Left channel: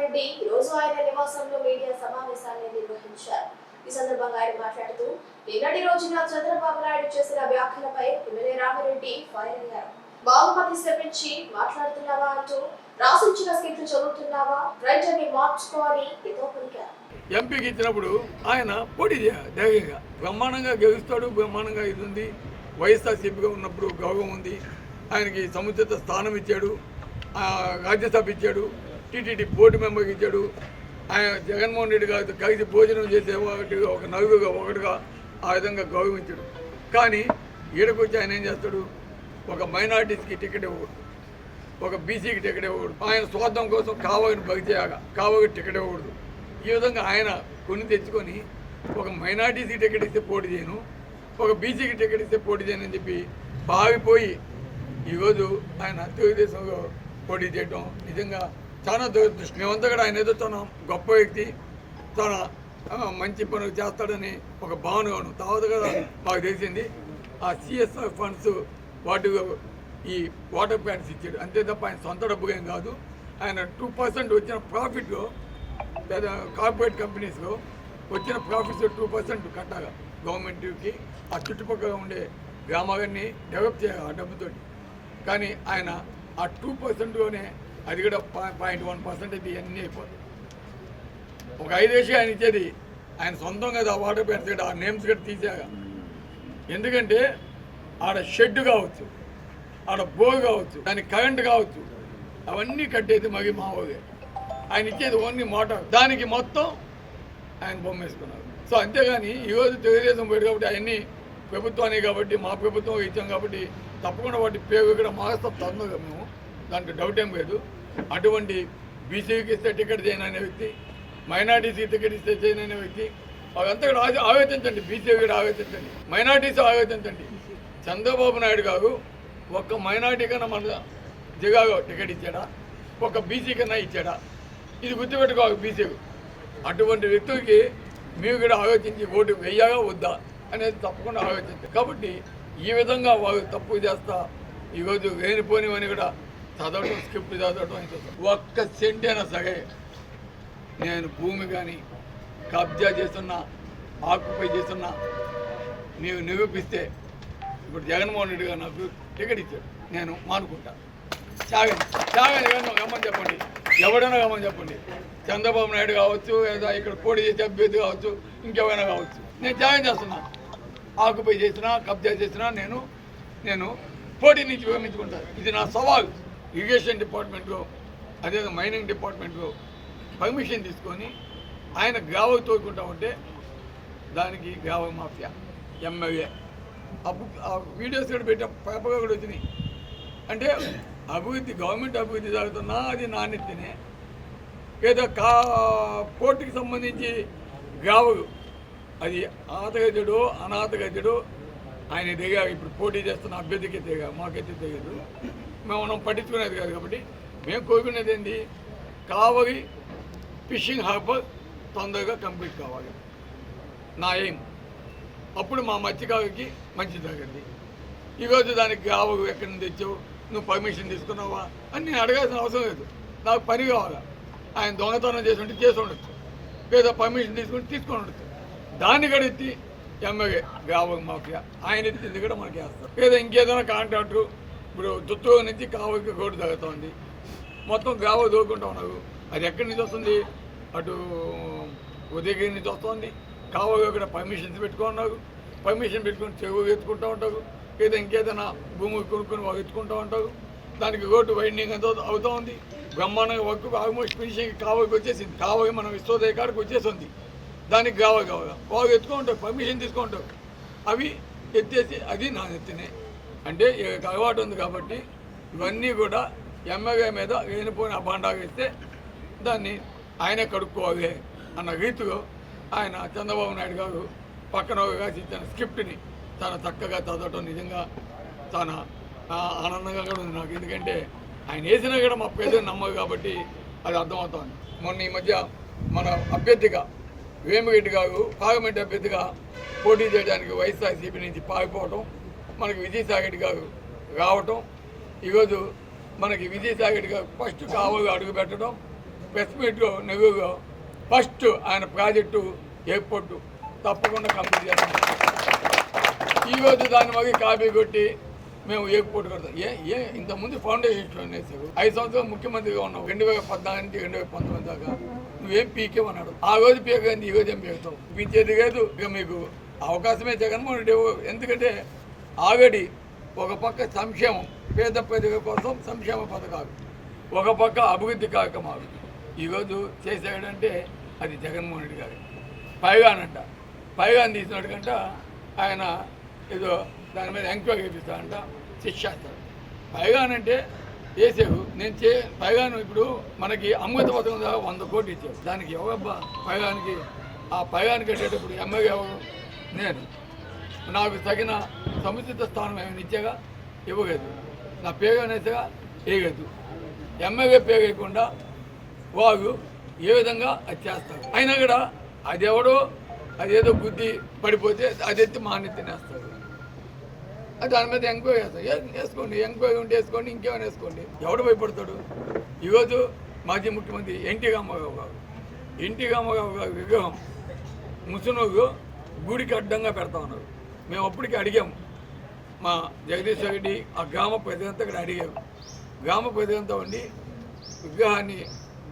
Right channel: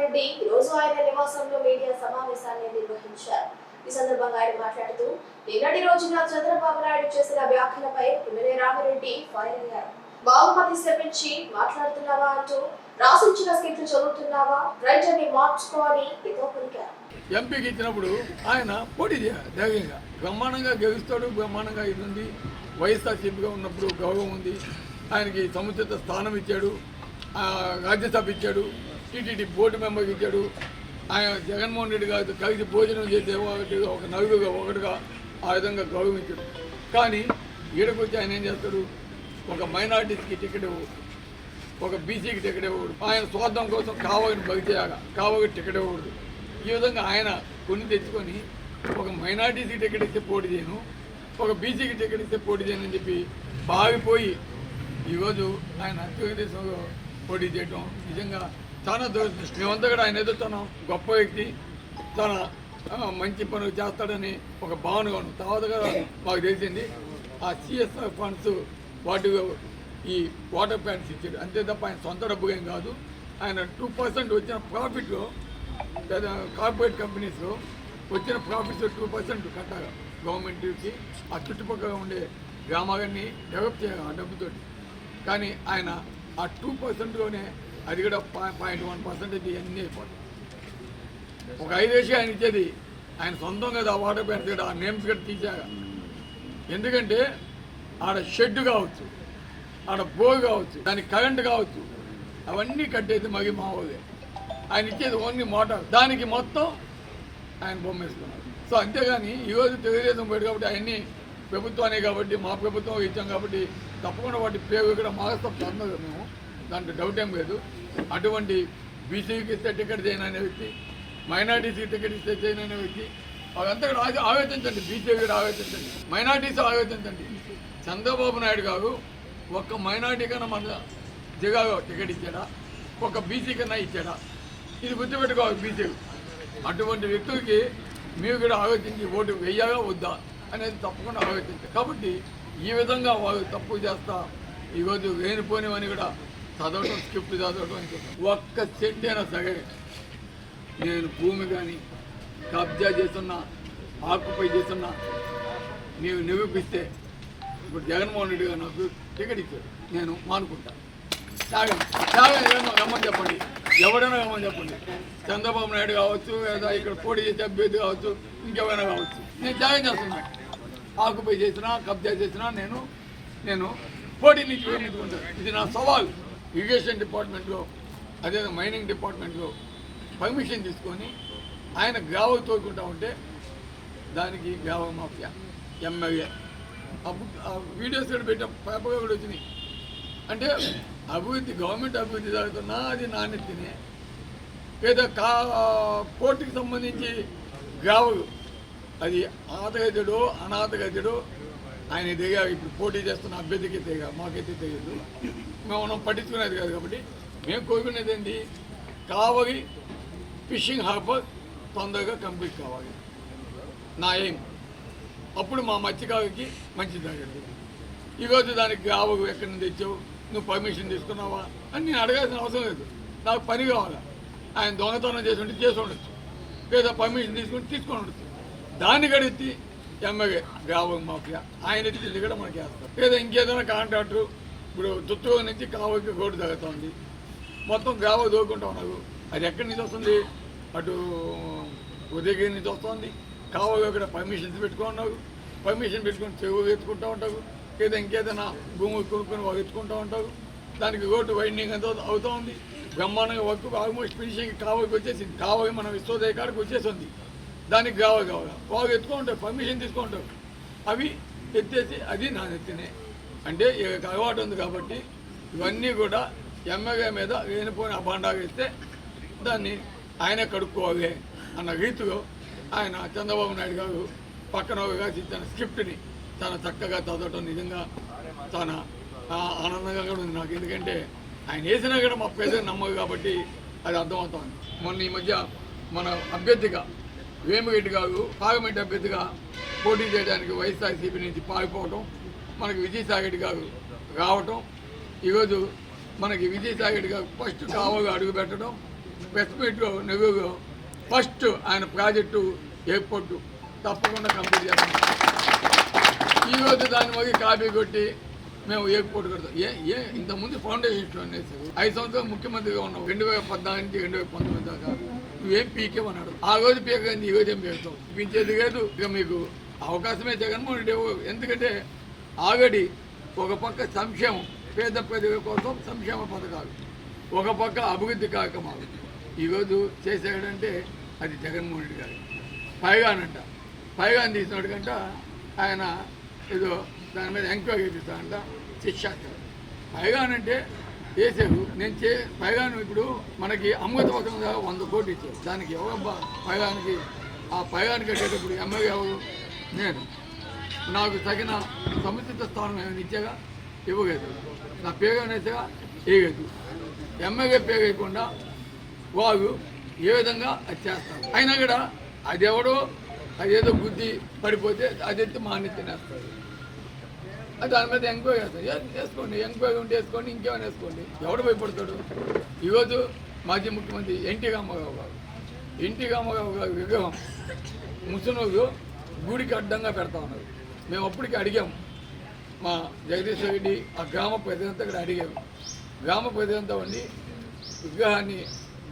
రెడ్డి ఈ రోజు ఆయన నివాసంలో మీడియా సమావేశాన్ని నిర్వహించారు. ఈ సందర్భంగా ఆయన మాట్లాడుతూ నిన్నటి రోజున చంద్రబాబు నాయుడు చేసిన వ్యాఖ్యలపై ఎమ్మెల్యే రామిరెడ్డి ఫైర్ అయ్యారు. బాహుమతి శ్రమించి మాట్లాడుతున్నావా అంటూ రాసించిన స్క్రిప్ట్ చదువుతున్నావా రైటర్ని మార్చుకో అని ఏదో పలికారు. ఎంపీకి ఇచ్చినప్పుడు ఆయన పోటీ చేయాలి ధైర్యంగా బ్రహ్మాండంగా గెలుస్తాడు బ్రహ్మాండంగా ఇది ఉంది వైఎస్ఆర్సీపీగా ఉన్నప్పుడు గౌరవం ఉంది. ఆయనకి సముచిత స్థానం ఇచ్చాడు. రాజ్యసభ ఇచ్చాడు. టీటీడీ బోర్డు మెంబర్కి ఇచ్చాడు. ఆయన జగన్మోహన్ రెడ్డి గారి కలిసి భోజనం చేసే ఒకటిగా ఒక నలుగురుగా ఒకటిగా ఆ విధంగా గౌరవించాడు. కానీ ఈడకొచ్చి ఆయన ఏం చేస్తాడు? ఒక మైనార్టీస్కి టికెట్ ఇవ్వకూడదు. ఒక బీసీకి టికెట్ ఇవ్వకూడదు. ఆయన స్వార్థం కోసం కావగిని బగి చేయాలి కావగి టికెట్ ఇవ్వకూడదు. ఈ విధంగా ఆయన కొన్ని తెచ్చుకొని ఒక మైనార్టీసీ టికెట్ ఇస్తే పోటీ చేయను ఒక బీసీకి టికెట్ ఇస్తే పోటీ చేయను అని చెప్పి బావిపోయి ఈరోజు ఆయన తెలుగుదేశంలో పోటీ చేయడం నిజంగా చాలా దురదృష్టం. మేమంతా కూడా ఆయన ఎదుర్కొన్నాం. గొప్ప వ్యక్తి. చాలా మంచి పనులు చేస్తాడని ఒక భావనగాను తర్వాత కూడా మాకు తెలిసింది. ఆ సిఎస్ఆర్ ఫండ్స్ వాటి ఈ వాటర్ ప్లాంట్స్ ఇచ్చాడు. అంతే తప్ప ఆయన సొంత డబ్బు ఏం కాదు. ఆయన టూ పర్సెంట్ వచ్చిన ప్రాఫిట్లో కార్పొరేట్ కంపెనీస్లో వచ్చిన ప్రాఫిట్స్ టూ పర్సెంట్ కట్టాలి గవర్నమెంట్కి ఆ చుట్టుపక్కల ఉండే గ్రామాలన్నీ డెవలప్ చేయాలి ఆ డబ్బుతో కానీ ఆయన ఆ టూ పర్సెంట్లోనే అది కూడా పాయింట్ వన్ పర్సెంటేజ్ ఇది అయిపోతాయి. ఒక ఐదేసి ఆయన ఇచ్చేది ఆయన సొంతంగా ఆ వాటర్ ప్యాన్స్ కూడా ఆ నేమ్స్ కూడా తీసాక ఎందుకంటే ఆడ షెడ్ కావచ్చు ఆడ బోర్ కావచ్చు దానికి కరెంట్ కావచ్చు అవన్నీ కట్టేది మగి మావోగే ఆయన ఇచ్చేది ఓన్లీ మోటార్ దానికి మొత్తం ఆయన బొమ్మ వేసుకున్నారు. సో అంతేగాని ఈరోజు తెలుగుదేశం పోయి కాబట్టి అవన్నీ ప్రభుత్వాన్ని కాబట్టి మా ప్రభుత్వం ఇచ్చాం కాబట్టి తప్పకుండా వాటి పేరు ఇక్కడ మాగస్తాం తొందరగా మేము. దానికి డౌట్ ఏం లేదు. అటువంటి బీసీకి ఇస్తే టికెట్ చేయను అనే వ్యక్తి మైనార్టీసీకి టికెట్ ఇస్తే చేయను అనే వ్యక్తి అదంతా కూడా ఆలో- ఆలోచించండి బీసీ కూడా ఆలోచించండి మైనార్టీస్ ఆలోచించండి చంద్రబాబు నాయుడు గారు ఒక్క మైనార్టీ కన్నా మన జిగాగో టికెట్ ఇచ్చాడా? ఒక బీసీ కన్నా ఇచ్చాడా? ఇది గుర్తుపెట్టుకోవాలి బీసీ అటువంటి వ్యక్తులకి మీరు కూడా ఆలోచించి ఓటు వెయ్యాగా వద్దా అనేది తప్పకుండా ఆలోచించారు కాబట్టి ఈ విధంగా వారు తప్పు చేస్తా ఈరోజు లేనిపోనివని కూడా చదవటం స్క్రిప్ట్ చదవటం ఒక్క సెంటైనా సగే సరే నేను భూమి కానీ కబ్జా చేస్తున్నా ఆక్యుపై చేస్తున్నా నీవు నిరూపిస్తే ఇప్పుడు జగన్మోహన్ రెడ్డి గారు నాకు టికెట్ ఇచ్చాడు నేను మానుకుంటా. త్యాగండి త్యాగండి ఏమన్నా రమ్మని చెప్పండి. ఎవడైనా రమ్మని చెప్పండి. చంద్రబాబు నాయుడు కావచ్చు లేదా ఇక్కడ పోటీ చేసే అభ్యర్థి కావచ్చు ఇంకెవరైనా కావచ్చు. నేను త్యాగం చేస్తున్నా ఆకుపై చేసినా కబ్జా చేసినా నేను నేను పోటీ నుంచి విరమించుకుంటాను ఇది నా సవాల్. ఇరిగేషన్ డిపార్ట్మెంట్లో అదే మైనింగ్ డిపార్ట్మెంట్లో పర్మిషన్ తీసుకొని ఆయన గ్రావకు తోడుకుంటా ఉంటే దానికి గ్రావ మాఫియా ఎమ్మెల్యే ఆ బుక్ ఆ వీడియోస్ కూడా పెట్టాం పేపర్గా కూడా వచ్చినాయి. అంటే అభివృద్ధి గవర్నమెంట్ అభివృద్ధి జరుగుతున్నా అది నాణ్యతనే. ఏదో కా కోర్టుకి సంబంధించి గ్రావలు అది ఆతగజుడు అనాథగజుడు ఆయన దిగా ఇప్పుడు పోటీ చేస్తున్న అభ్యర్థికి దిగా మాకైతే తెలియదు. మనం పట్టించుకునేది కాదు కాబట్టి మేము కోరుకునేది ఏంటి కావలి ఫిషింగ్ హార్బర్ తొందరగా కంప్లీట్ కావాలి. నా ఏం అప్పుడు మా మత్స్యకారుకి మంచి జరగండి. ఈరోజు దానికి గావు ఎక్కడి నుంచి తెచ్చావు? నువ్వు పర్మిషన్ తీసుకున్నావా? అని నేను అడగాల్సిన అవసరం లేదు. నాకు పని కావాలా? ఆయన దొంగతనం చేసి ఉంటే చేసి ఉండొచ్చు. లేదా పర్మిషన్ తీసుకుని తీసుకొని ఉండొచ్చు. దాన్ని కడిగి ఎమ్మెల్యే గావ మాఫియా. ఆయన ఇచ్చింది కూడా మనకి వేస్తారు లేదా ఇంకేదైనా కాంట్రాక్టు ఇప్పుడు దుత్తూరు నుంచి కావుకి రోడ్డు ఉంది మొత్తం గావ దూకుంటా ఉన్నారు. అది ఎక్కడి నుంచి వస్తుంది? అటు ఉదయగిరి నుంచి వస్తుంది. కావగా ఇక్కడ పర్మిషన్స్ పెట్టుకున్నారు పర్మిషన్ పెట్టుకుని చెరువు ఎత్తుకుంటూ ఉంటారు. లేదా ఇంకేదైనా భూమి కొనుక్కొని ఎత్తుకుంటూ ఉంటారు. దానికి రోడ్డు వైండింగ్ ఎంత అవుతూ ఉంది. బ్రహ్మాండంగా వర్క్ ఆల్మోస్ట్ ఫినిషింగ్ కావకి వచ్చేసింది. కావకి మనం విశ్వోదయ కాడికి వచ్చేసింది. దానికి కావ కావగా కావ ఎత్తుకుంటారు పర్మిషన్ తీసుకుంటారు. అవి ఎత్తేసి అది నా ఎత్తినే. అంటే అలవాటు ఉంది కాబట్టి ఇవన్నీ కూడా ఎమ్మెల్యే మీద లేనిపోయిన అభాండాగా ఇస్తే దాన్ని ఆయనే కడుక్కోవాలి అన్న రీతిలో ఆయన చంద్రబాబు నాయుడు గారు పక్కన ఒకగా ఇచ్చిన స్క్రిప్ట్ని చాలా చక్కగా చదవటం నిజంగా చాలా ఆనందంగా కూడా ఉంది నాకు. ఎందుకంటే ఆయన వేసినా కూడా మా ప్రజలు నమ్మదు కాబట్టి అది అర్థమవుతోంది. మొన్న ఈ మధ్య మన అభ్యర్థిగా వేమిరెడ్డి గారు పార్లమెంట్ అభ్యర్థిగా పోటీ చేయడానికి వైఎస్ఆర్సీపీ నుంచి పారిపోవటం మనకి విజయసాయి రెడ్డి గారు రావటం ఈరోజు మనకి విజయసాయి రెడ్డి గారు ఫస్ట్ కావగా అడుగు పెట్టడం ప్రెస్ మీట్లో ఫస్ట్ ఆయన ప్రాజెక్టు ఎయిర్పోర్టు తప్పకుండా కంప్లీట్ చేస్తాం. ఈ రోజు దాన్ని మరి కాపీ కొట్టి మేము ఎయిర్పోర్ట్ కడతాం. ఏ ఏ ఇంతకుముందు ఫౌండేషన్స్లో వేసారు ఐదు సంవత్సరాలు ముఖ్యమంత్రిగా ఉన్నావు రెండు వేల పద్నాలుగు నుంచి రెండు వేల పంతొమ్మిది దాకా. నువ్వేం పీకేమన్నాడు ఆ రోజు పీకేంది ఈ రోజు ఏం పీకుతావు? పీకేది లేదు ఇక మీకు అవకాశమే జగన్మోహన్ రెడ్డి ఎందుకంటే ఆవిడి ఒక పక్క సంక్షేమం పేద ప్రజల కోసం సంక్షేమ పథకాలు ఒక పక్క అభివృద్ధి కార్యక్రమాలు. ఈరోజు చేసేటంటే అది జగన్మోహన్ రెడ్డి గారు. పైగానంట పైగాన్ తీసినాడు కంట ఆయన ఏదో దాని మీద ఎంక్వైరీ చేపిస్తాడంట శిక్షాస్తారు పైగానంటే వేసాడు నేను చే పైగాను ఇప్పుడు మనకి అమృత పథకం ద్వారా వంద కోట్లు ఇచ్చాడు దానికి ఎవరబ్బా పైగానికి? ఆ పైగానికి కట్టేటప్పుడు ఎమ్మెల్యే ఎవరు? నేను. నాకు తగిన సముచిత స్థానం ఏమైనా ఇచ్చాగా? ఇవ్వలేదు నా పేరు అనేసగా వేయలేదు ఎమ్మెల్యే పేరు వారు ఏ విధంగా అది చేస్తారు? అయినా కూడా అది ఎవడో అదేదో బుద్ధి పడిపోతే అది ఎత్తి మాన్యతనేస్తారు అది దాని మీద ఎంక్వైరీ చేస్తారు. వేసుకోండి ఎంక్వైరీ ఉంటే వేసుకోండి ఇంకేమైనా వేసుకోండి. ఎవడు భయపడతాడు? ఈరోజు మాజీ ముఖ్యమంత్రి ఎన్టీ రామారావు గారు. ఎన్టీ రామారావు గారు విగ్రహం ముసలోళ్ళు గుడికి అడ్డంగా పెడతా ఉన్నారు. మేము అప్పటికి అడిగాం. మా జగదీశ్వర రెడ్డి ఆ గ్రామ ప్రజలంతా కూడా అడిగారు. గ్రామ ప్రజలంతా ఉండి విగ్రహాన్ని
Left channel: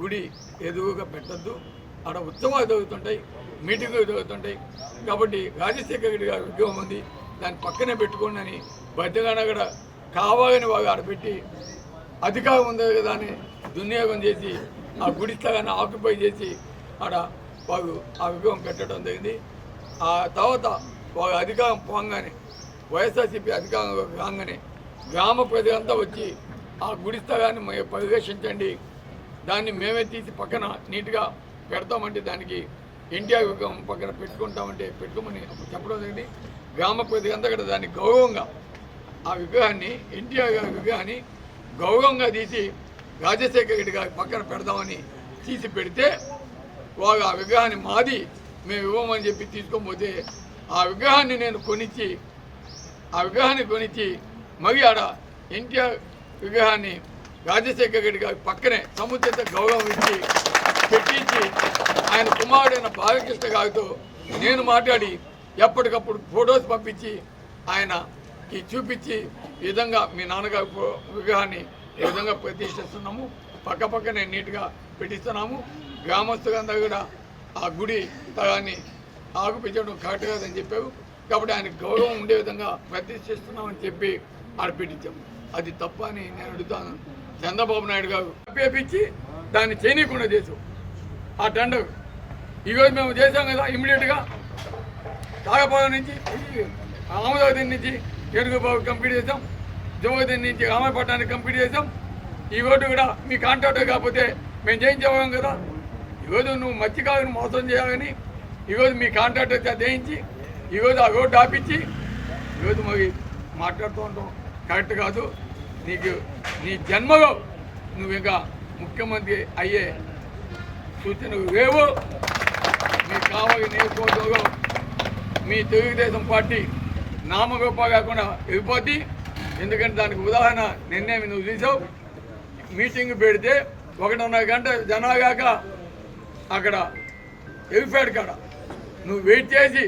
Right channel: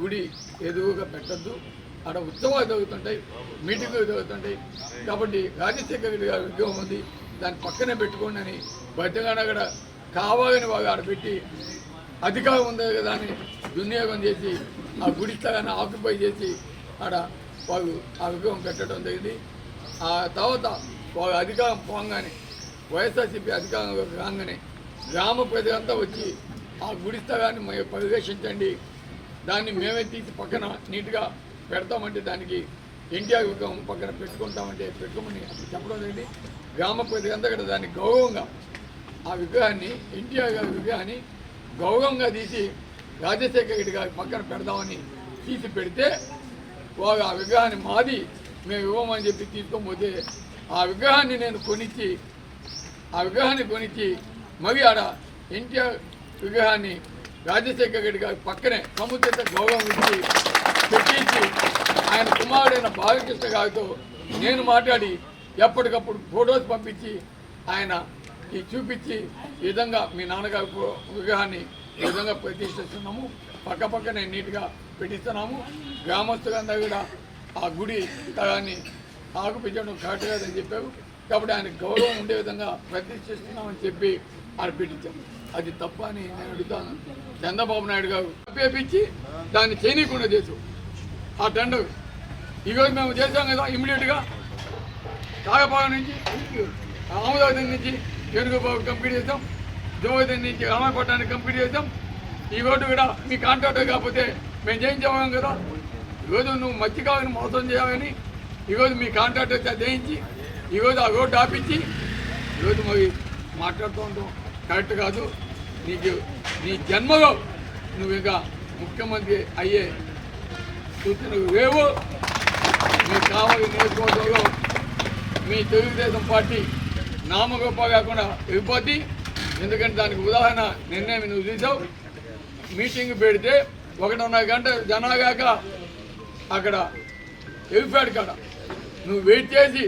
గుడి ఎదురుగా పెట్టద్దు. అక్కడ ఉత్సవాలు జరుగుతుంటాయి మీటింగులు జరుగుతుంటాయి. కాబట్టి రాజశేఖర రెడ్డి గారి విగ్రహం ఉంది దాన్ని పక్కనే పెట్టుకోండి అని బతిగాన అక్కడ కావాలని వాళ్ళు ఆడ పెట్టి అధికారం ఉంది కదా అని దుర్నియోగం చేసి ఆ గుడి స్థలాన్ని ఆక్యుపై చేసి ఆడ వాళ్ళు ఆ విగ్రహం పెట్టడం జరిగింది. ఆ తర్వాత అధికారం పోగానే వైఎస్ఆర్సీపీ అధికారం రాగానే గ్రామ ప్రజలంతా వచ్చి ఆ గుడి స్థలాన్ని మేము పరిరక్షించండి దాన్ని మేమే తీసి పక్కన నీట్గా పెడతామంటే దానికి ఎన్టీఆర్ విగ్రహం పక్కన పెట్టుకుంటామంటే పెట్టుకోమని అప్పుడు చెప్పడం జరిగింది. గ్రామ ప్రజలంతా కూడా దాన్ని గౌరవంగా ఆ విగ్రహాన్ని ఎన్టీఆర్ గారి విగ్రహాన్ని గౌరవంగా తీసి రాజశేఖర రెడ్డి గారి పక్కన పెడదామని తీసి పెడితే వాళ్ళు ఆ విగ్రహాన్ని మాది మేము ఇవ్వమని చెప్పి తీసుకోకపోతే ఆ విగ్రహాన్ని నేను కొనిచ్చి ఆ విగ్రహాన్ని కొనిచ్చి మరి ఆడ ఎన్టీఆర్ విగ్రహాన్ని రాజశేఖర రెడ్డి గారి పక్కనే సముచిత గౌరవం ఇచ్చి పెట్టించి ఆయన కుమారుడైన బాలకృష్ణ గారితో నేను మాట్లాడి ఎప్పటికప్పుడు ఫొటోస్ పంపించి ఆయన ఈ చూపించి ఈ విధంగా మీ నాన్నగారి విగ్రహాన్ని ఈ విధంగా ప్రతిష్ఠిస్తున్నాము. పక్క పక్కనే నీట్గా పెట్టిస్తున్నాము. గ్రామస్తులందరూ కూడా ఆ గుడి తగాన్ని ఆగుపించడం ఆకుపించడం కరెక్ట్ కాదని చెప్పారు. కాబట్టి ఆయన గౌరవం ఉండే విధంగా ప్రతిష్ఠిస్తున్నామని చెప్పి ఆడ అది తప్ప అని నేను అడుగుతాను. చంద్రబాబు నాయుడు గారు పేపించి దాన్ని చేయనీయకుండా చేసాం ఆ టెండర్ ఈరోజు మేము చేసాం కదా ఇమ్మీడియట్గా. తాగపాలెం నుంచి అమరావతి నుంచి ఏడుగుబాబు కంప్లీట్ చేసాం జోగతి నుంచి రామపట్నానికి కంప్లీట్ చేసాం ఈ రోడ్డు కూడా మీ కాంట్రాక్టర్ కాకపోతే మేము చేయించేవాళ్ళం కదా. ఈరోజు నువ్వు మత్స్యకారుని మోసం చేయాలని ఈరోజు మీ కాంట్రాక్టర్ చేత చేయించి ఈరోజు ఆ రోడ్డు ఆపించి ఈరోజు మరి మాట్లాడుతూ ఉంటాం. కరెక్ట్ కాదు. నీకు నీ జన్మలో నువ్వు ఇంకా ముఖ్యమంత్రి అయ్యే సూచనలు లేవు. మీ కావలి నియోజకవర్గంలో మీ తెలుగుదేశం పార్టీ నామగొప్ప కాకుండా వెళ్ళిపోద్ది. ఎందుకంటే దానికి ఉదాహరణ నిన్నే నువ్వు చూసావు. మీటింగ్ పెడితే ఒకటిన్నర గంట జనాగాక అక్కడ వెళ్ళిపోయాడు కాడ నువ్వు వెయిట్ చేసి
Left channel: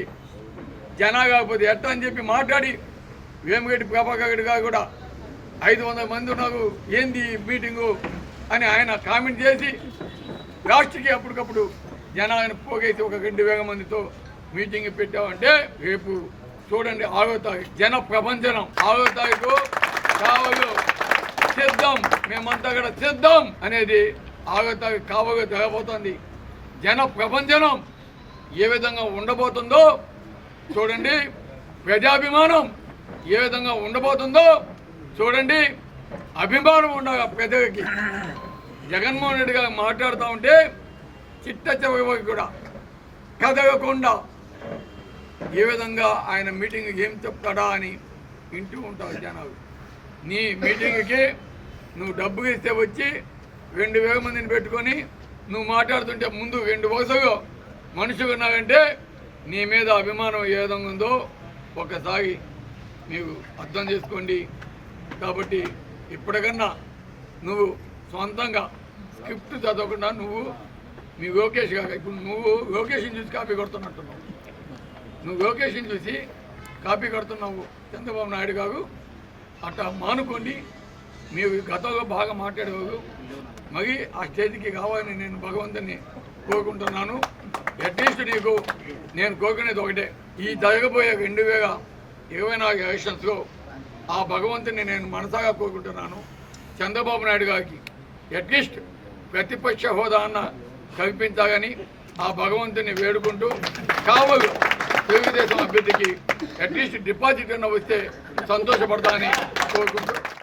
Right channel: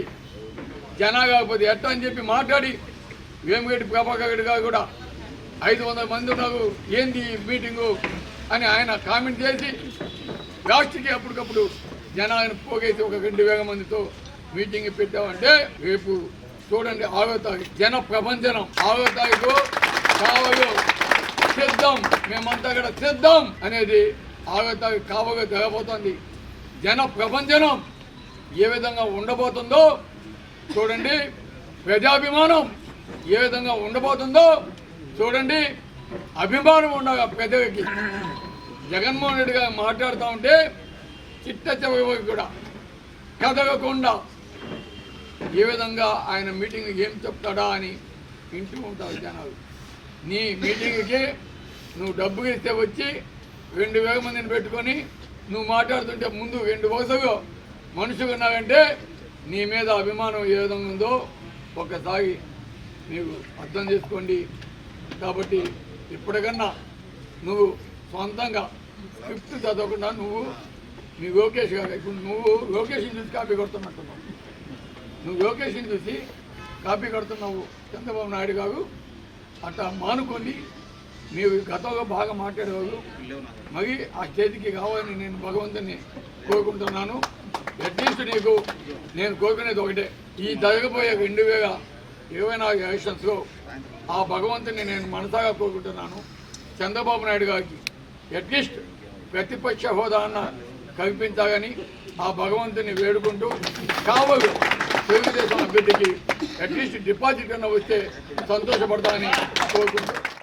జనా కాకపోతే ఎట్ట అని చెప్పి మాట్లాడి వేమగడ్డి ప్రభాకర్ కూడా ఐదు వందల మంది ఉన్నారు ఏంది మీటింగు అని ఆయన కామెంట్ చేసి లాస్ట్కి అప్పటికప్పుడు జనాన్ని పోగైతే ఒక రెండు వేల మందితో మీటింగ్ పెట్టామంటే రేపు చూడండి ఆరో తారీఖు జన ప్రపంచనం ఆరో తారీఖు కావలు సిద్ధం మేమంతా కూడా సిద్ధం అనేది ఆరో తారీఖు కావగా జరగబోతోంది. జన ప్రపంచనం ఏ విధంగా ఉండబోతుందో చూడండి. ప్రజాభిమానం ఏ విధంగా ఉండబోతుందో చూడండి. అభిమానం ఉండగా పెద్దవికి జగన్మోహన్ రెడ్డి గారు మాట్లాడుతూ ఉంటే చిట్ట చివరి కూడా కదలకుండా ఏ విధంగా ఆయన మీటింగ్ ఏం చెప్తాడా అని వింటూ ఉంటారు జనాలు. నీ మీటింగ్కి నువ్వు డబ్బు ఇస్తే వచ్చి రెండు వేల మందిని పెట్టుకొని నువ్వు మాట్లాడుతుంటే ముందు రెండు వరుసలు మనిషి ఉన్నారంటే నీ మీద అభిమానం ఏ విధంగా ఉందో ఒకసారి నీవు అర్థం చేసుకోండి. కాబట్టి ఇప్పటికన్నా నువ్వు సొంతంగా ఫిఫ్త్ చదవకుండా నువ్వు మీ లోకేష్ గారు ఇప్పుడు నువ్వు లోకేష్ని చూసి కాపీ కొడుతున్నట్టున్నావు. నువ్వు లోకేష్ని చూసి కాపీ కొడుతున్నావు చంద్రబాబు నాయుడు గారు. అట్లా మానుకోండి. మీరు గతంలో బాగా మాట్లాడేవారు. మరి ఆ స్టేజ్కి కావాలని నేను భగవంతుని కోరుకుంటున్నాను. అట్లీస్ట్ నీకు నేను కోరుకునేది ఒకటే. ఈ జరగబోయే రెండు వేల ఇరవై నాలుగు ఎలక్షన్స్లో ఆ భగవంతుని నేను మనసాగా కోరుకుంటున్నాను. చంద్రబాబు నాయుడు గారికి అట్లీస్ట్ ప్రతిపక్ష హోదా అన్న కల్పించాలని ఆ భగవంతుని వేడుకుంటూ కావలు తెలుగుదేశం అభ్యర్థికి అట్లీస్ట్ డిపాజిట్ అన్న వస్తే సంతోషపడతానని కోరుకుంటూ